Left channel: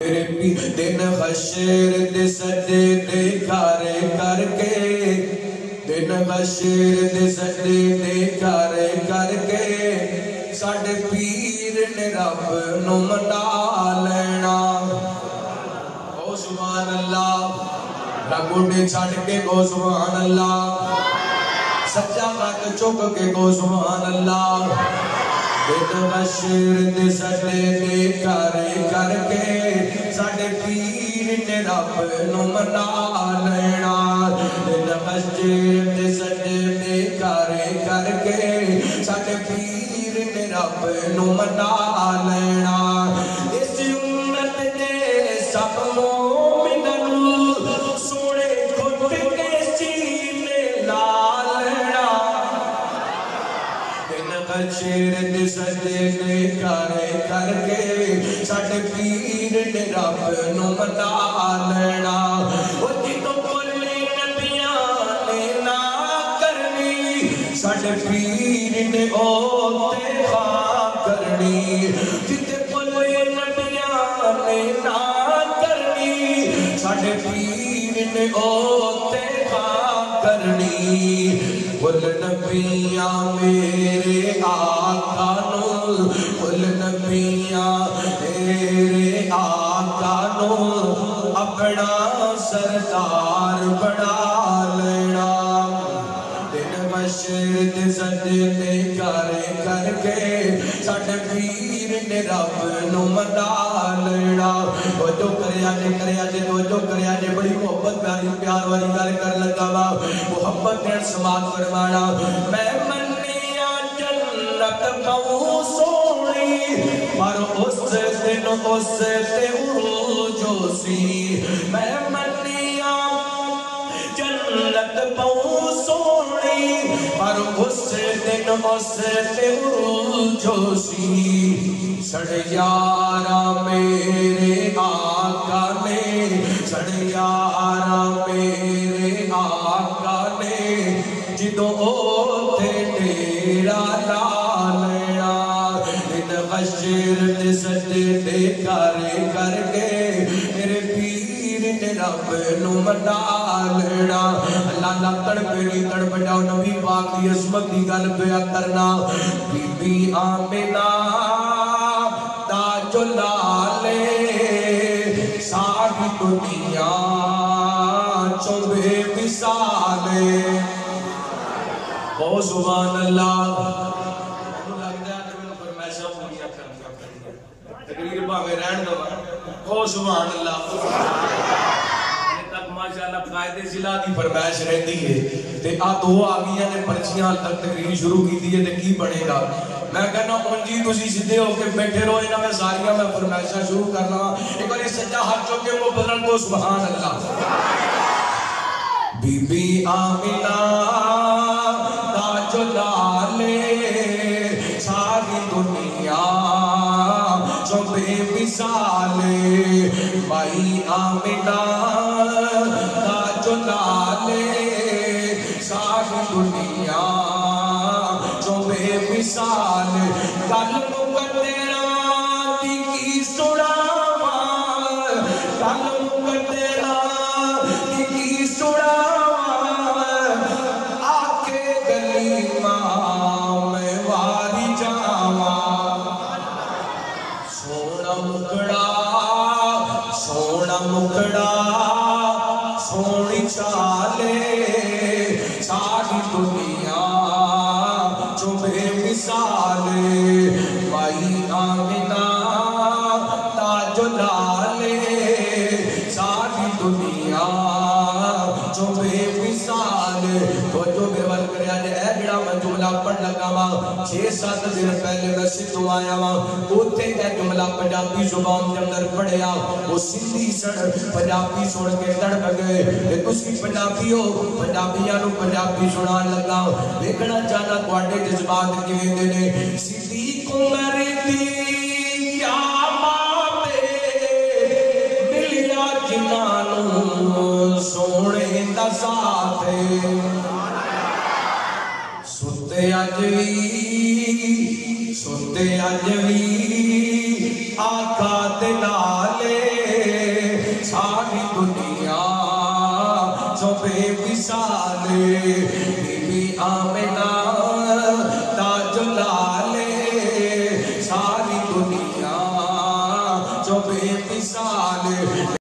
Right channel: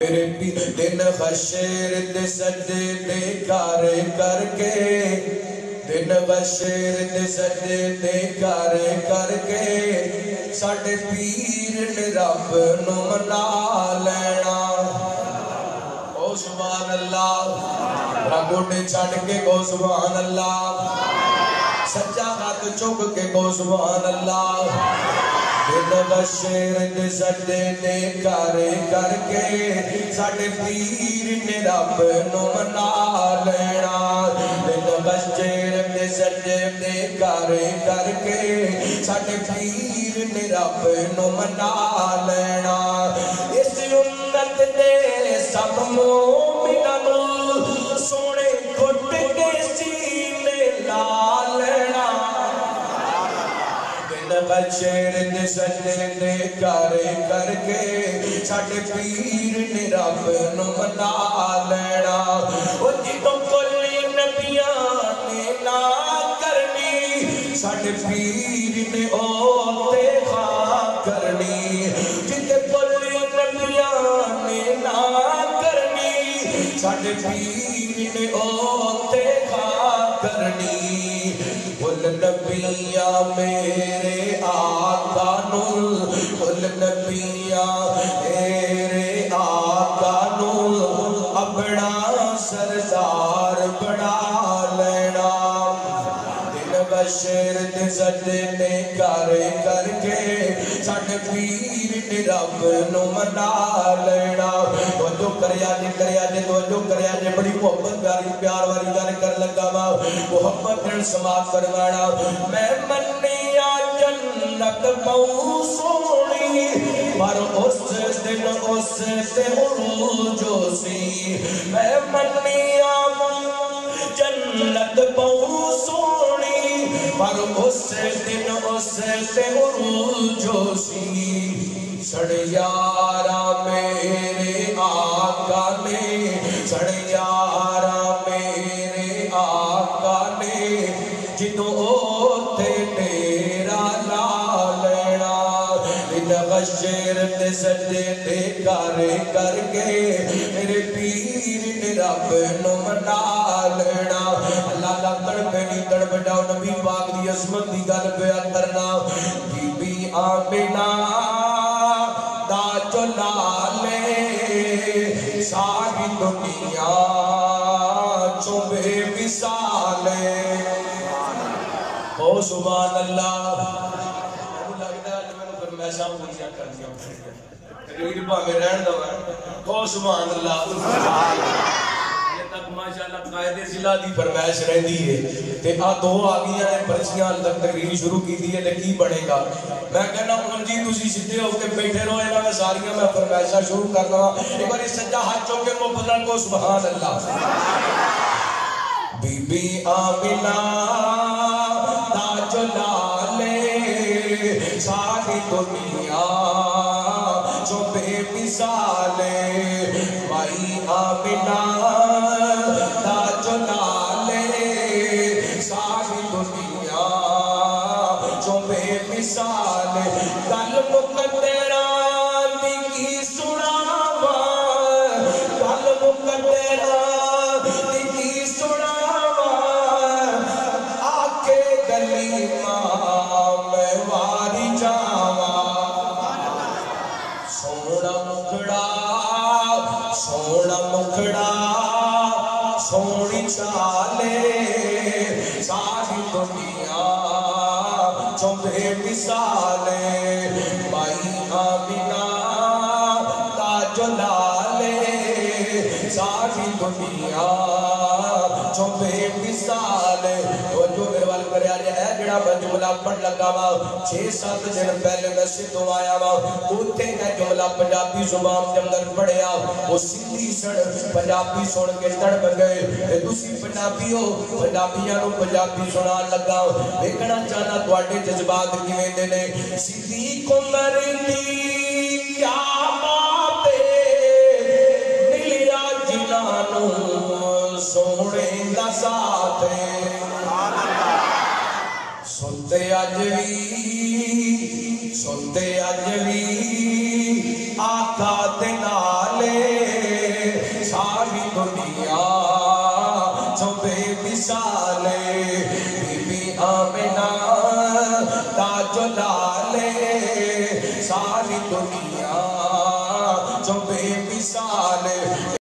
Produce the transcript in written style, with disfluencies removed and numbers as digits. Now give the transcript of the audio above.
میرے دن غشیر دے سجدے دے کر کے دن غشیر دے سجدے دے کر کے ساڈے پیر نے رب نو منا لینا او سبحان اللہ رگوڑے چھڑ کے گو سبحان اللہ سچا ہاتھ چک کے گو سبحان اللہ دن غشیر دے سجدے دے کر کے ساڈے پیر نے رب نو منا لینا دن غشیر دے سجدے دے کر کے ساڈے پیر نے رب نو منا لینا اس امت دے سب مومناں نو سونے گھٹ کے سینے لا لینا دن غشیر دے سجدے دے کر کے ساڈے پیر نے رب نو منا لینا او جدوں کلے نبیاں نے نا کرنی ساڈے پیر نے او تے خواہ کرنی جدوں کلے نبیاں نے نا کرنی ساڈے پیر نے او تے خواہ کرنی کل نبیاں میرے آقا نو کل نبیاں میرے آقا نو اپنا سردار بنا لینا دن غشیر دے سجدے دے کر کے ساڈے پیر نے رب نو منا لینا توجہ کریا جے توجہ کریا جے بڑی محبت پیاری پیار والی گل کر لگا وا محبت نال سماعت فرمانا میں منیا جنت پاؤں سونی پر اس دن اس تے عروج سی میں منیا جنت پاؤں سونی پر اس دن اس تے عروج سی سڑیارا میرے آقا نے سڑیارا میرے آقا نے جدوں اوتے ڈیرا لا لینا دن غشیر دے سجدے دے کر کے میرے پیر نے رب نو منا لینا اللہ لکڑ پہ نہیں کڑ بجاؤ نبی پاک دی عظمت دی گل پیا کرنا بی بی آمینہ دا جو لالے ساری دنیا چو بے مثالے او سبحان اللہ تقریر بھاوے رہن دو او سبحان اللہ تک ماشاءاللہ قائد ضلع دی فرمائش رہندی ہے تے آ دو آگیاں نے پرچیاں حال تک تقریر شروع کی دی ہے تے کی بنے گا میں کہنا ہوں جی تسی سیدھے ہو کے بیٹھے رہو انہاں میں ساریاں میں فرمائشاں شروع کر لواں ایک بار سجا ہاتھ چوک کے محبت کو سبحان اللہ بی بی آمینہ دا جو لالے ساری دنیا جو بے مثالے بھائی آمینہ دا جو لالے ساری دنیا جو بے مثالے کل مقدران دی کی سڑاوا کل مقدران دی کی سڑاوا آکے گلی ماں میں واری جاوا سونا مکڑا سونی چالے ساری دنیا جو بے مثالے بھائی آمینہ دا جو لالے ساری دنیا جو بے مثالے تو جو میوال کرے آجے اے جڑا میں جملہ پڑھ لگا وا 6-7 دن پہلے میں سدھوں آیا وا اوتے میں جملہ پنجابی زبان کے اندر پڑھیا وہ سندھی سن پنجابی سن کے تڑپ گئے تسی پنجابی ہو پنجابیاں نو پنجابی سنان لگا ویکھنا چاہنا تواڈے جذبات کیویں دے نے سیدھی کنگر دی کیا باتیں ملیا جنہاں نو سونے دا ذات سنتے اج وی آقا دے نالے تو بے مثال بی بی آمنہ